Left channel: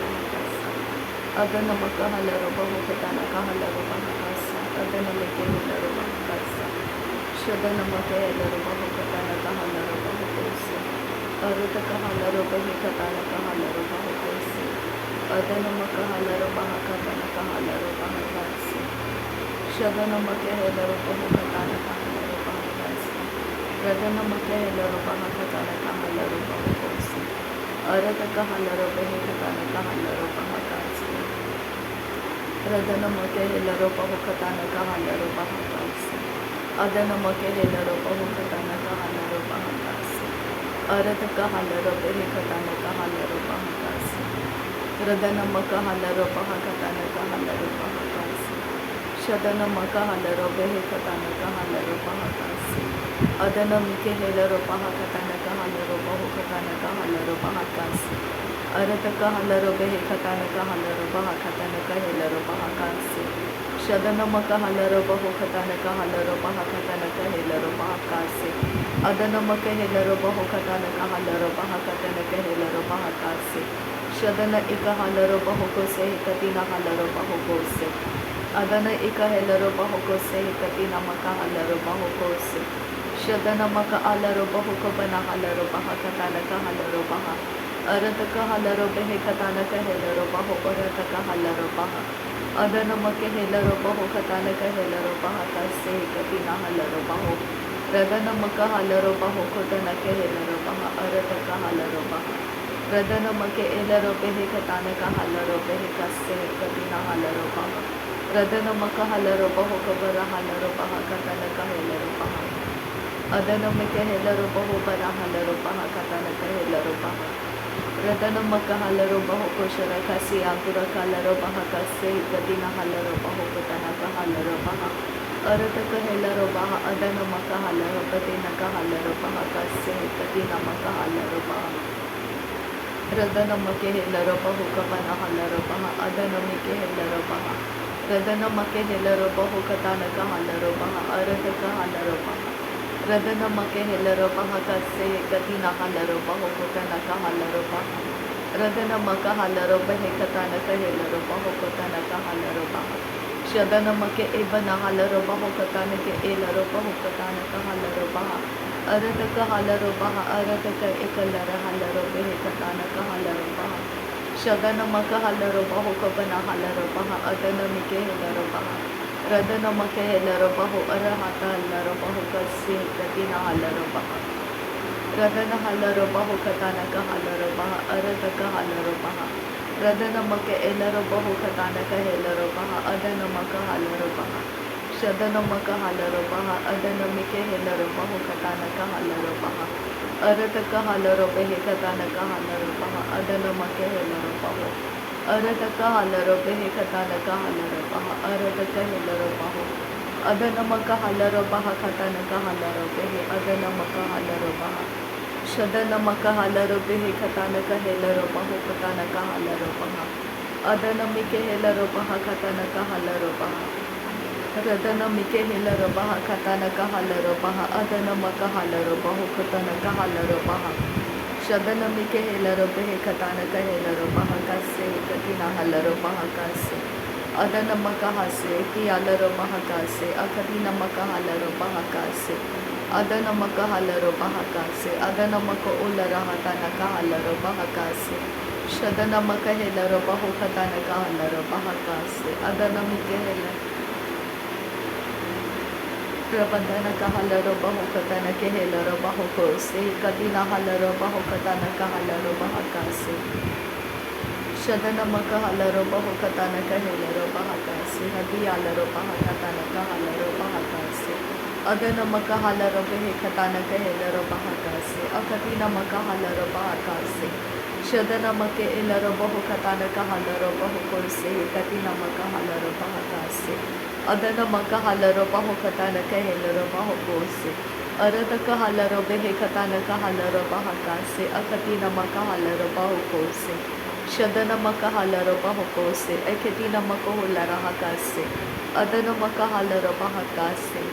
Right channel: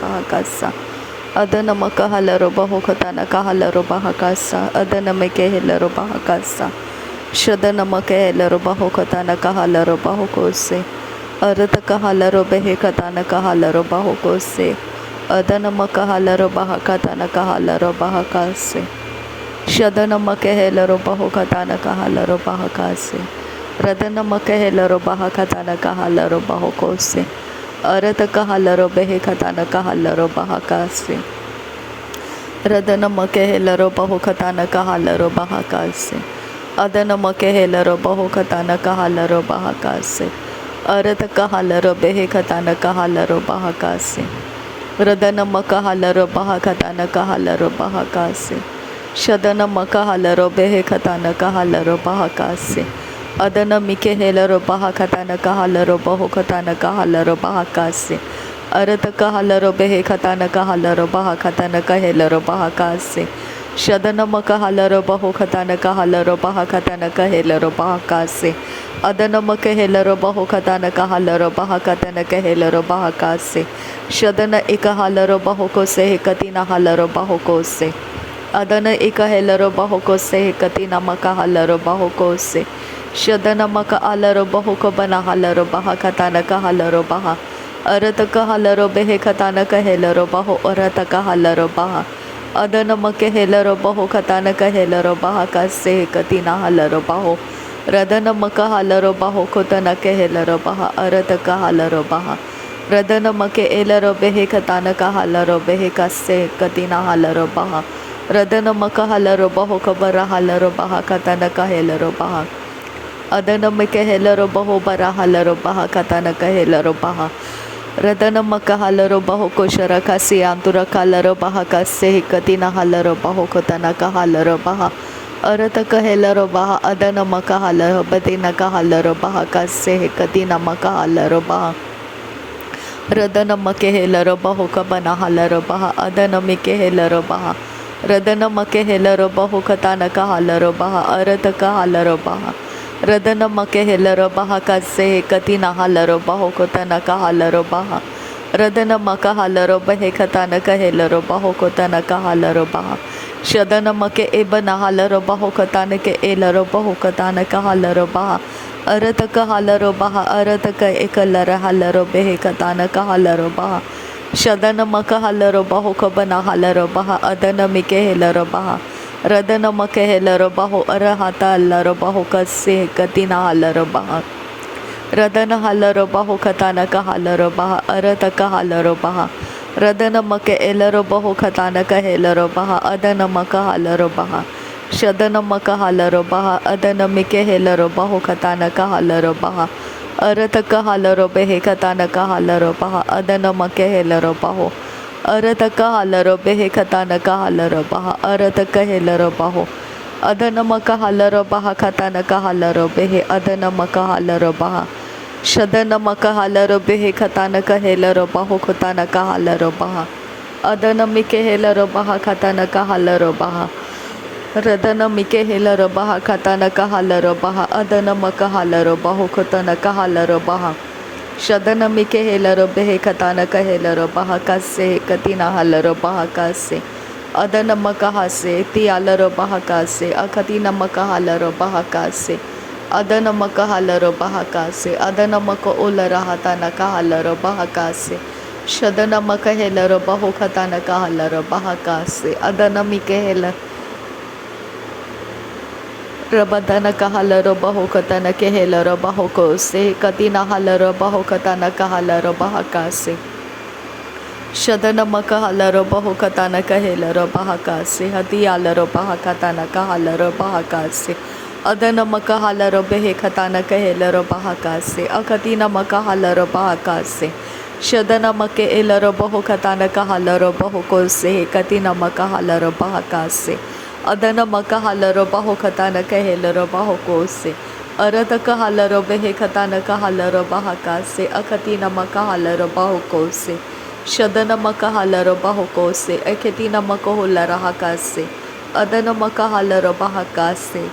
bahakasa. Adana makahalo bahokatana kahalo bahakasa. Adana mekehelo bahakasa. Shadana makehelo bahokatana kahalo bahokose. Arata kahalo behekatana kahalo bahokose. Adana makahalo bahakatana kahalo bahakase. Shadana makehelo bahokatana kahalo bahakase. Radana makehelo bahakatana kahalo bahokose. Arata kahalo behekatana kahalo bahakase. Radana makehelo bahokatana kahalo bahakase. Adana makehelo bahokatana kahalo bahakase. Arata kahalo behekatana kahalo bahakase. Radana makahalo bahakatana kahalo bahakase. Shadana makahalo behekatana kahalo bahakase. Adana mikehelo bahakatana kahalo bahokatana kahalo bahakase. Arata kahalo behekatana kahalo bahakatana kahelo bahakase. Shadana makahalo bahokatana kahalo bahakatana kahelo bahakase. Adana makehelo bahokatana kahalo bahakatana kahelo bahakase. Shadana ikahalo bahokose katina halo bahokose. Adana ikahelo bahokose katina makahalo bahokose. Shadana maka alaro bahoko bana halaro bahakatana kahalo baha. Arata kahalo behekatana kahelo baho arata kahalo baha. Adana makehelo bahokatana kahelo bahakase katina halaro baho. Radana makahalo bahokotana kahelo baha arata kahalo baha. Radana make elaro behekatana kahalo behekase katina halaro baha. Radana makahalo bahokabara halaro bahakatana kahelo baha. Adana makehelo baho bara halaro baha katana kahelo baha. Radana makahalo baho koshara kasi antura kalaro baha kase katina halaro baho kotana kahalo baha. Arata kahelo baha adana makahalo badina kahalo baha kase katina makahalo baha. Radana makehelo baho kabana halaro baha adana mikehelo baha. Radana makehelo baho katana kahalo baha arata kahalo baha. Radana makehelo bahakase katina halaro bahokotana kahalaro baha. Radana makahalo bahekatana kahelo bahokotana kahalaro baha. Shadana make ebana halaro bahokatana ke elaro bahokatana kahalaro baha. Arata kahalaro baha arata ka ekalara halaro behekatana kahalaro baha. Shadana makahalaro bahokabana halaro baha adana mikehelo baha. Radana makehelo baho arahata laro baho kase katina halaro baha. Radana halaro baho katana kahalaro baha arata kahalaro baha. Radana make elaro baho katana kahelo baha adana makahalaro baha. Shadana makahalaro baha adana mikehelo baho katana kahalaro baha. Arata kahalaro behe katana kahalaro baha adana makehelo baho. Arata kahalaro behe katana kahalaro baha arata kahelo baho. Adana makahalaro baha katana kahalaro behe adana makahalaro baha. Shadana makahalaro behe katana kahelo baho kotana kahalaro baha. Adana mikehelo baha katana kahalaro baha. Radana mikehelo baha katana kahalaro baha adana makahalaro baho kotana kahalaro baha. Shadana mikehelo behe katana kahelo baha kase katina halaro baha kase. Adana makahase tialaro baha kase akatina makahalaro baha kase. Adana makahalaro baha kase adana maka olara hatana kahalaro baha kase. Shadana makahelo baho katana kahalaro baha kase. Adana mikehelo Rabadana kahalaro baho katana kehelaro baho kose katina halaro baho katana kahalaro baha kase. Shadana makahalaro baho katana kahelaro baha kase hadiyalaro baha katana kahalaro baha kase. Adana makahalaro behe katana kahelaro baha kase akatina makahalaro baha kase. Shadana make elaro baho katana kahalaro baho kose katina makahalaro baha kase. Adana makahalaro baho katana kahelaro baho kose. Arata kahalaro behe katana kahalaro baha kase akatina makahalaro baho kose. Shadana makahalaro baho kose akatina makahulara hakase. Adana makahalaro baha kase.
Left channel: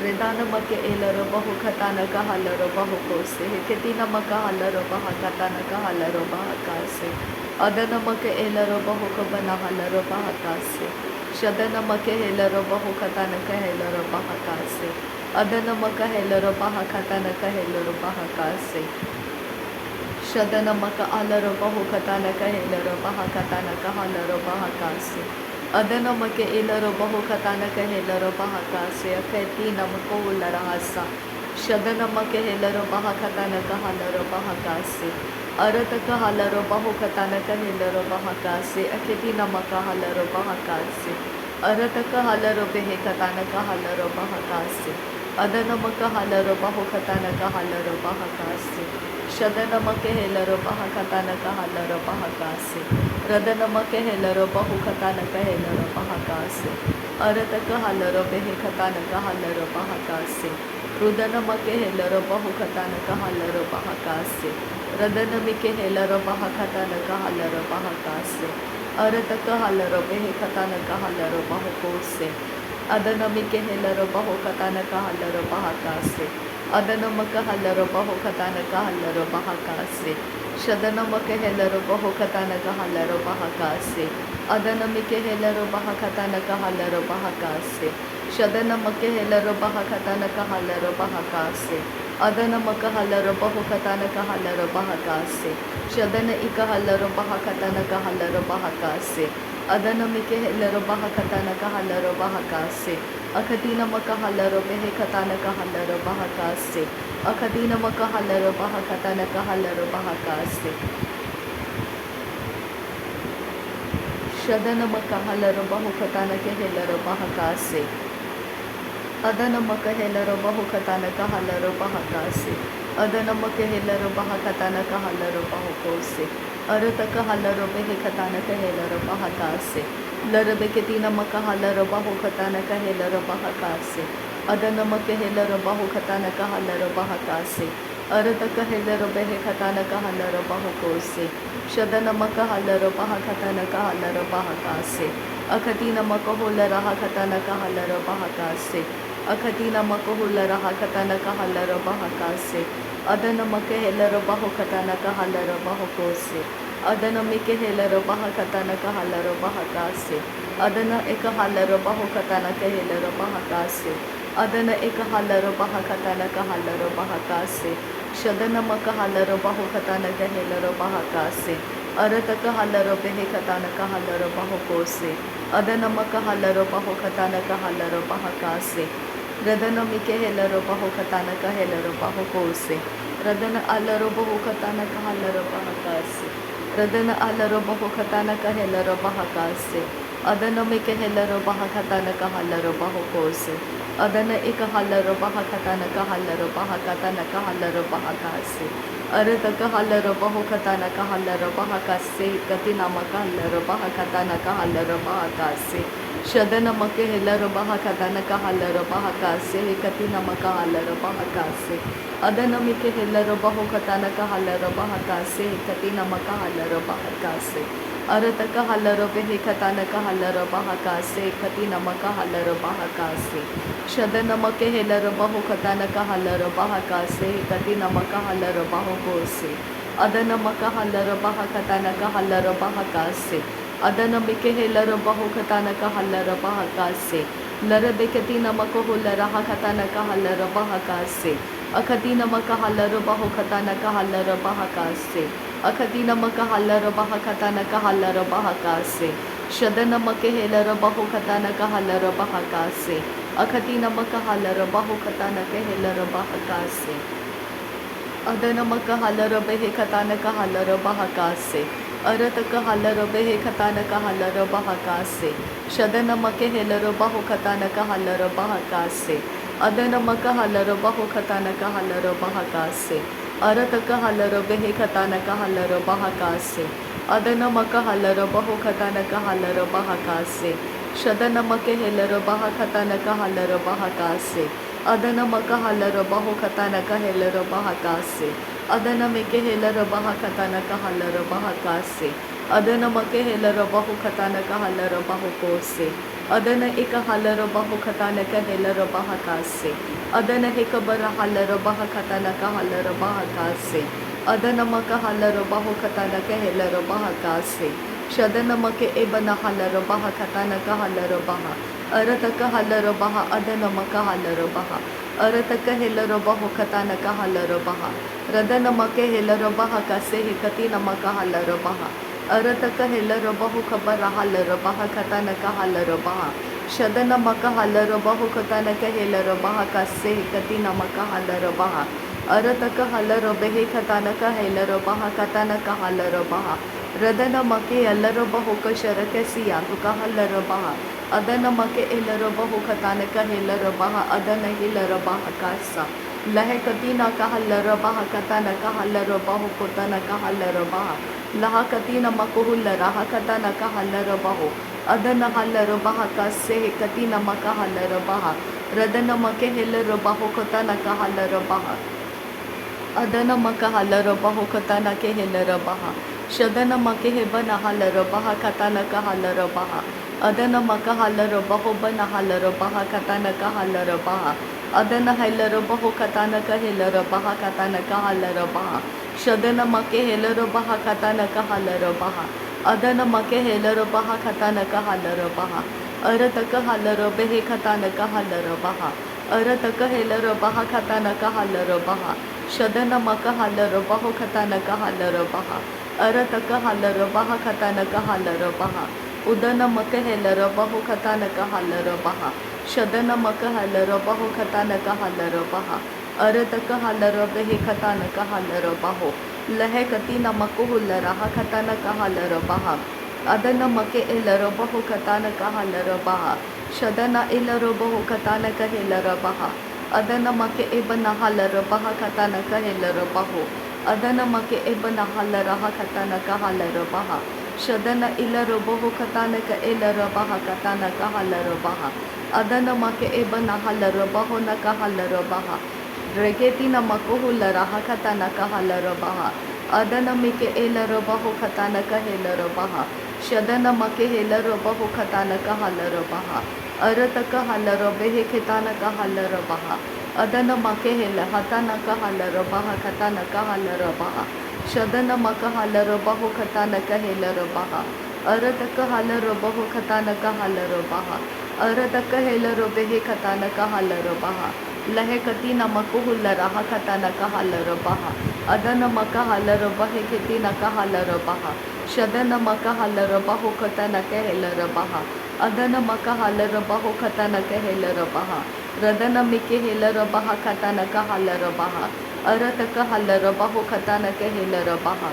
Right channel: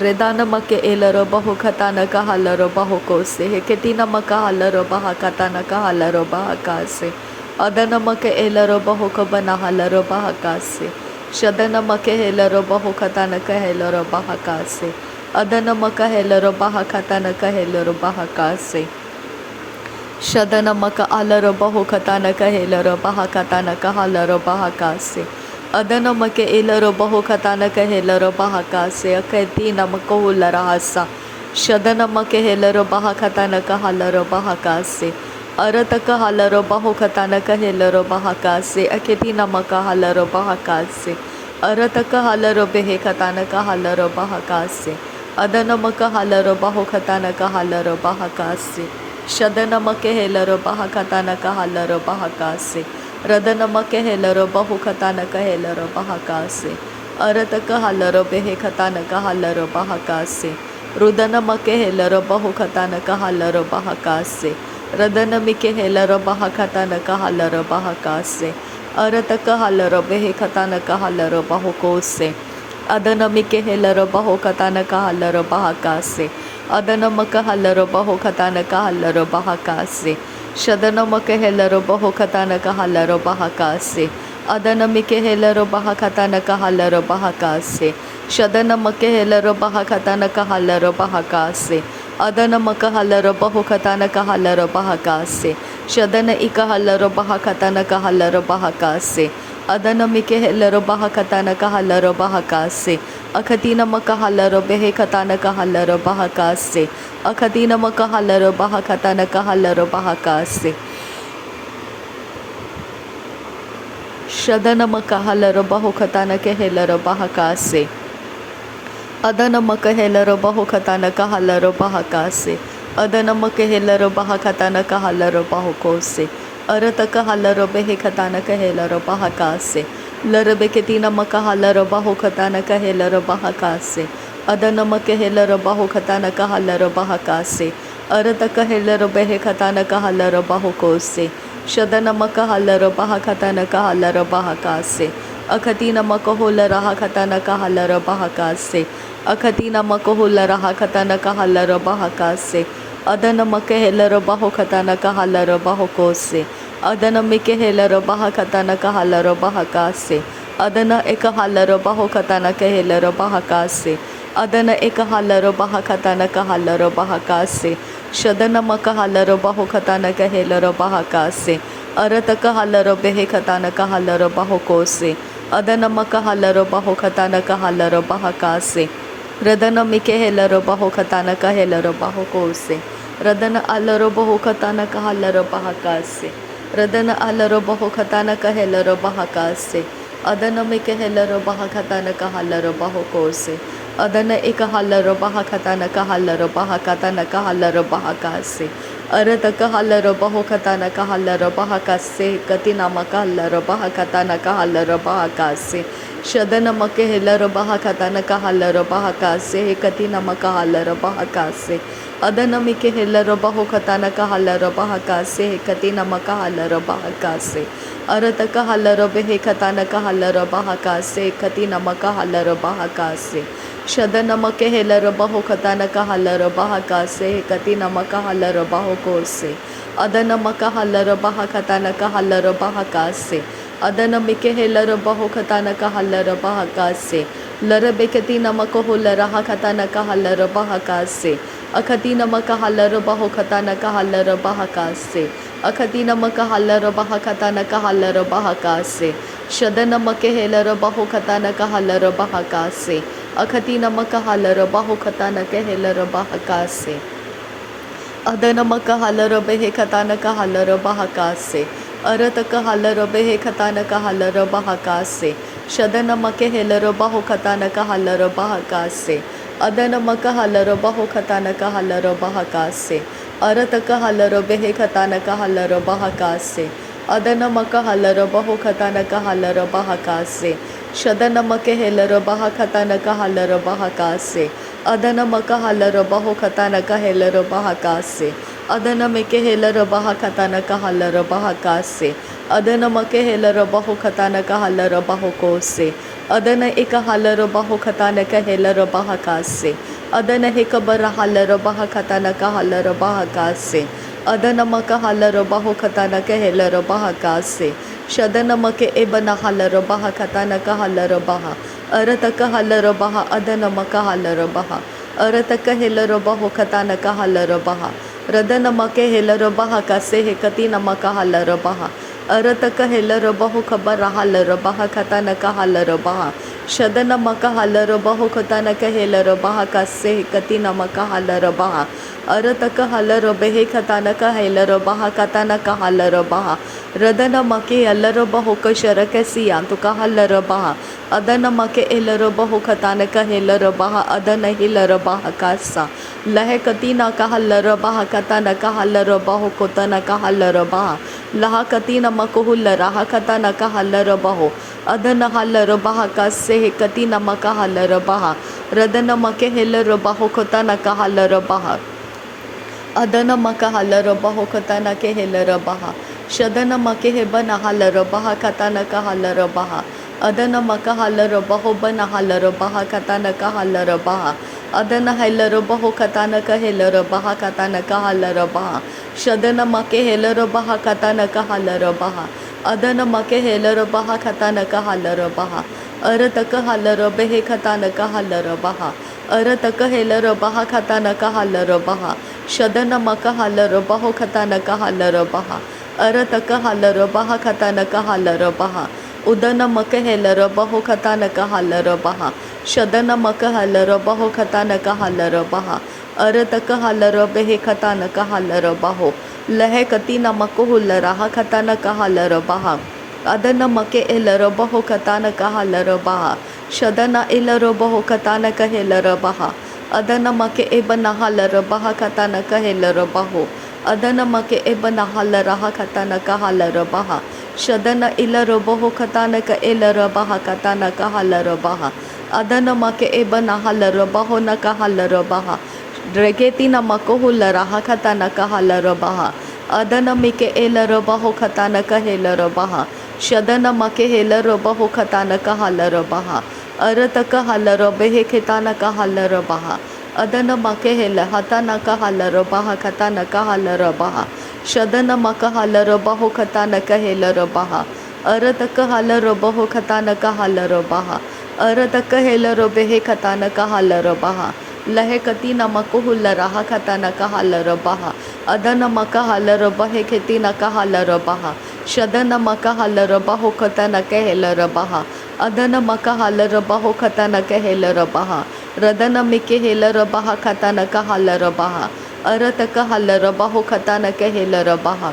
Redana make elero bahu katana kahalero bahu kose. Heketina makahalero baha katana kahalero baha kase. Adana make elero bahu kabana halero baha kase. Shadana make helero bahu katana kahelero baha kase. Adana maka helero baha katana kahelero baha kase. Shadana maka alero bahu katana kahelero baha katana kahalero baha kase. Adana make elero bahu katana kahelero baha kase. Akati namako larahasa. Shadana make helero baha katana kahalero baha kase. Arataka halero bahu katana kahelero baha kase. Akati namaka halero baha kase. Arataka halero behe katana kahalero baha kase. Adana maka halero bahu katana kahalero baha kase. Shadana make helero baha katana kahalero baha kase. Radana make helero bahu katana kahelero baha kase. Arataka halero behe katana kahalero baha kase. Rudana make helero bahu katana kahalero baha kase. Radana mike helero baha katana kahalero baha kase. Arataka halero behe katana kahalero bahu kose. Adana mike helero bahu katana kahalero baha kase. Adana maka halero bahu katana kahalero baha kase. Shadana maka helero bahu katana kahalero baha kase. Adana mike helero baha katana kahalero baha kase. Shadana maka helero baha katana kahalero baha kase. Adana maka halero bahu katana kahalero baha kase. Shadana ika halero baha katana kahalero baha kase. Adana mike helero baha katana kahalero baha kase. Akatina maka halero behe katana kahalero baha kase. Akatina maka halero baha katana kahalero baha kase. Shadana maka halero bahu katana kehelero baha kase. Adana maka helero bahu katana kahalero baha kase. Adana maka helero baha katana kahalero bahu kose. Arataka halero behe katana kahelero baha kase. Larabeketina maka halero bahu katana kahelero baha kase. Adana maka helero bahu katana kahalero baha kase. Arataka helero behe katana kahalero bahu kose. Shadana maka halero baha katana kahalero baha kase. Akatina maka hola raha katana kahalero baha kase. Akatina maka hola raha katana kahalero baha kase. Adana maka helero bahu katana kahalero bahu kose. Adana mike helero baha katana kahalero baha kase. Adana eka halero bahu katana kahelero baha kase. Adana eka halero baha katana kahalero baha kase. Shadana maka halero bahu katana kahelero baha kase. Arataka halero behe katana kahalero bahu kose. Adana maka halero bahu katana kahalero baha kase. Radana mike helero bahu katana kahelero bahu kose. Radana alero bahu katana kahalero baha kase. Radana alero bahu katana kahelero baha kase. Adana mike helero baha katana kahalero bahu kose. Adana eka halero baha katana kahalero baha katana kahalero baha kase. Arataka halero bahu katana kahalero baha kase. Katina maka halero baha katana kahalero baha kase. Shadana make helero baha katana kahalero baha kase. Katina maka halero baha kase. Adana mike helero bahu katana kahalero baha kase. Katina maka halero baha kase. Arataka halero behe katana kahalero baha kase. Katina maka halero baha kase. Shadana make helero bahu katana kahalero baha kase. Katina maka halero bahu kose. Adana maka halero baha katana kahalero baha kase. Adana mike helero bahu katana kahalero baha kase. Larabekatina maka hola raha katana kahalero baha kase. Akatina maka halero bahu katana kahalero baha kase. Akatina maka halero baha katana kahalero baha kase. Shadana make helero bahu katana kahalero baha kase. Akatina maka halero bahu katana kahelero baha kase. Adana maka halero behe katana kahalero baha kase. Arataka halero behe katana kahalero baha kase. Shadana make helero bahu katana kahalero baha kase. Adana maka halero bahu katana kahalero baha kase. Arataka halero behe katana kahalero baha kase. Adana maka halero bahu katana kahalero baha kase. Shadana make helero baha katana kahalero baha kase. Adana maka halero bahu katana kahelero baha kase. Adana meke helero baha katana kahalero baha kase. Adana make helero bahu katana kahalero bahu kose. Adana eka halaro baho katana ka helaro baha kase. Adana heka bara halaro baha katana ka halaro baha kase. Adana maka halaro baho katana ka helaro baha kase. Shadana make ebana halaro baha katana ka halaro baha. Arata ka halaro baha adana maka halaro baha. Arata ka helaro baho katana ka halaro baha. Radana make helaro baha kase hekatina maka halaro baha. Arata ka helaro baho kabara halaro baha katana ka halaro baha. Shadana maka halaro baho katana ka helaro baha kase hekatina maka halaro baha. Arata ka halaro behe katana ka helaro baha katana ka halaro baha. Radana make helaro baho ka sharaka siyantu ka halaro baha. Adana make helaro baho katana ka helaro baha. Adana helaro baha kasa. Lahe katina ka halaro baha katana ka halaro baho kotana ka halaro baha. Laha katina makuhula raha katana ka halaro baho. Adana halaro baha kase katina maka halaro baha. Radana make helaro baho kotana ka halaro baha. Adana maka halaro baho katana ke helaro baha. Shadana make hebana halaro baha katana ka halaro baha. Adana maka halaro baho bana halaro baha katana ka halaro baha. Adana helaro baho katana ka helaro baha katana ka halaro baha. Shadana make helaro baha katana ka halaro baha. Adana make helaro baha katana ka halaro baha. Arata ka halaro behe katana ka halaro baha. Arata ka helaro baha katana ka halaro baha. Shadana maka halaro baho katana ka halaro baha. Arata ka halaro baha katana ka halaro baha. Udana maka helaro baho katana ka halaro baha. Shadana maka halaro baho katana ka halaro baha. Arata ka halaro behe katana ka halaro baho. Lahe katina makuhula raha katana ka halaro baha. Adana make elaro baho katana ka halaro baha. Shadana elaro baho katana ka helaro baha. Adana make ebana halaro baha katana ka helaro baho. Adana make ebana halaraha katana ka halaro baha. Shadana ilaro baho katana ka elaro baha katana ka halaro baha. Adana make ebana halaro baho na ka halaro baha. Dregetina makohula raha katana ka halaro baha. Adana make elaro baho katana ka helaro baha. Shadana make helaro baho katana ka halaro baha. Arata ka halaro behe ketana ka halaro baha. Adana make hela hatana ka halaro baha katana ka halaro baha. Shadana maka halaro baho katana ka helaro baha. Arata ka halaro baho katana ka halaro baha. Arata ka helaro behe katana ka halaro baha. Lahe katina makuhula raha katana ka halaro baha. Adana maka halaro bahe ketina ka halaro baha. Shadana maka halaro baho katana ka helaro baha. Adana maka halaro baho katana ka helaro baha. Radana mike helaro baha katana ka halaro baha. Arata ka halaro baho katana ka helaro baha.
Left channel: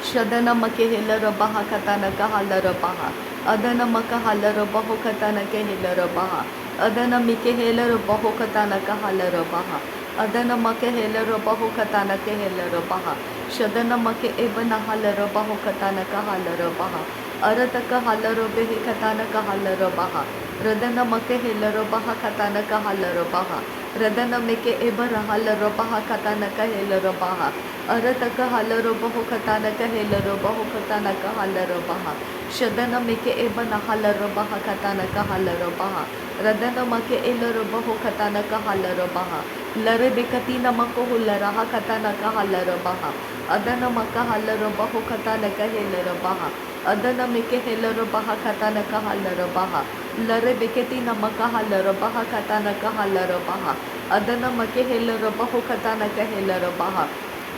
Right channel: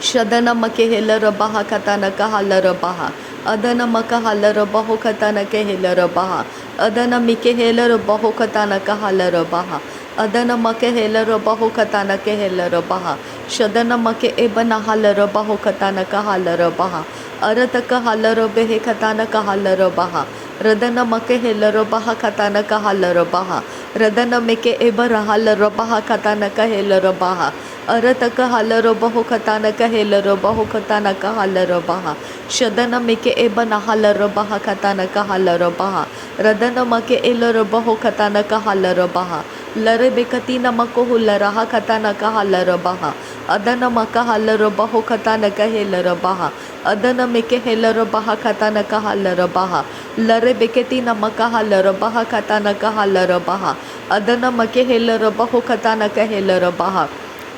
Shadana make helaro baha katana ka halaro baha. Adana maka halaro baho katana ka helaro baha. Adana mike helaro baho katana ka halaro baha. Adana make helaro baho katana ka helaro baha. Shadana make ebana halaro baho katana ka halaro baha. Arata ka halaro behe katana ka halaro baha. Radana make helaro baha katana ka halaro baha. Radana make ebara halaro baha katana ka helaro baha. Arata ka halaro baho katana ka helaro baho katana ka halaro baha. Shadana make ebana halaro baha katana ka halaro baha. Radana make elaro baho katana ka halaro baha. Lare bekatina makohula raha katana ka halaro baha. Adana maka halaro baho katana ka helaro baha. Adana make helaro baha katana ka halaro baha. Lare beketina maka halaro baha katana ka halaro baha. Adana make helaro baho katana ka helaro baha.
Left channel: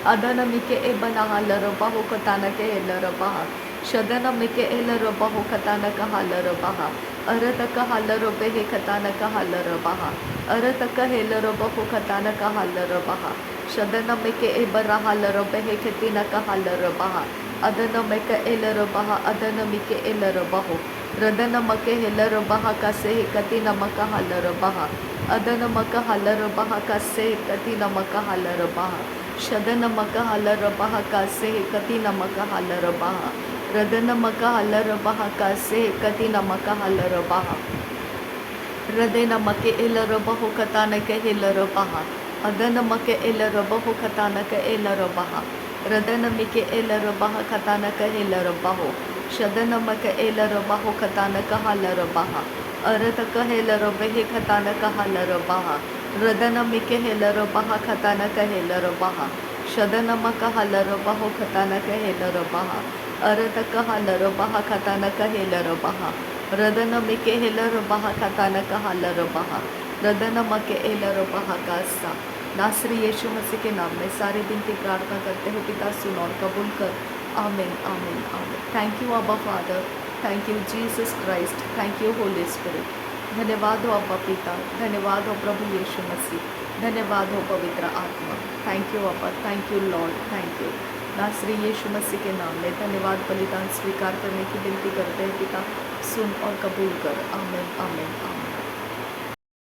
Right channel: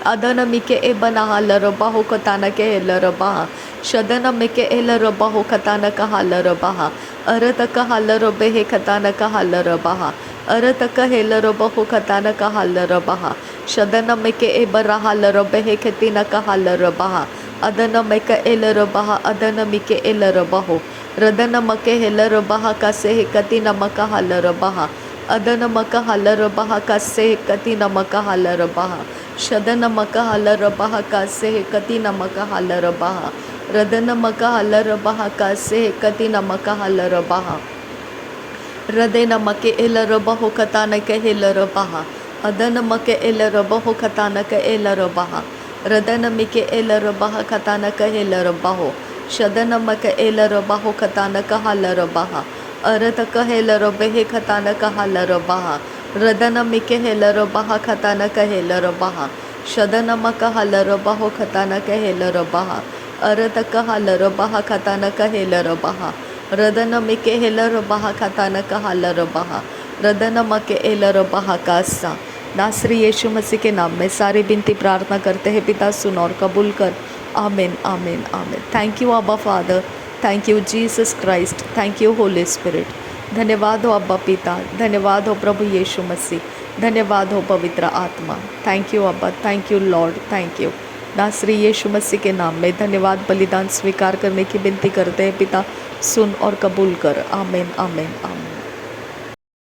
Adana mike ebana halaro baho katana ka helaro baha. Shadana mike elaro baho katana ka halaro baha. Arata ka halaro behe katana ka halaro baha. Arata ka helaro baho katana ka halaro baha. Shadana mike ebara halaro behe ketina ka halaro baha. Adana mike elaro baha. Adana mike elaro baho. Radana make helaro baha kase katina maka halaro baha. Adana maka halaro baha kase katina maka halaro baha. Shadana maka halaro baha kase katina maka halaro baha. Radana maka halaro baha kase katina maka halaro baha. Radena make elaro baho katana ka helaro baha. Adana make elaro baho katana ka elaro baha. Radana mike elaro baha katana ka helaro baho. शदनमक एलरबाहो खतानक हालरबाहा अरतक हेलरबे खतानक हालरबाहा रदनमिके हेलरबाहा खतानक हेलरबाहा शदनमक हालरबाहो खतानक हेलरबाहा अरतक हालरबाहा खतानक हेलरबाहा रदनमिके हेलरबाहा खतानक हालरबाहा रदनमक एलरबाहा Kasa. नासरी यीशु मसीह के नाम में सारी बिनती प्रार्थना करते हैं पिता, सुन और कबूल कर। आमीन आमीन आमीन। थैंक यू अब्बा father, thank you Jesus Christ, thank you Holi spirit. धन्यवाद हो अब्बा पिता, धन्यवाद हो प्रभु यीशु मसीह, धन्यवाद हो पवित्र आत्मा। थैंक यू अब्बा, thank you Lord, thank you. नासरी यीशु मसीह के नाम में धन्यवाद, बलिदान स्वीकार करने की विनती करते हैं पिता, सुन और कबूल कर। आमीन आमीन आमीन।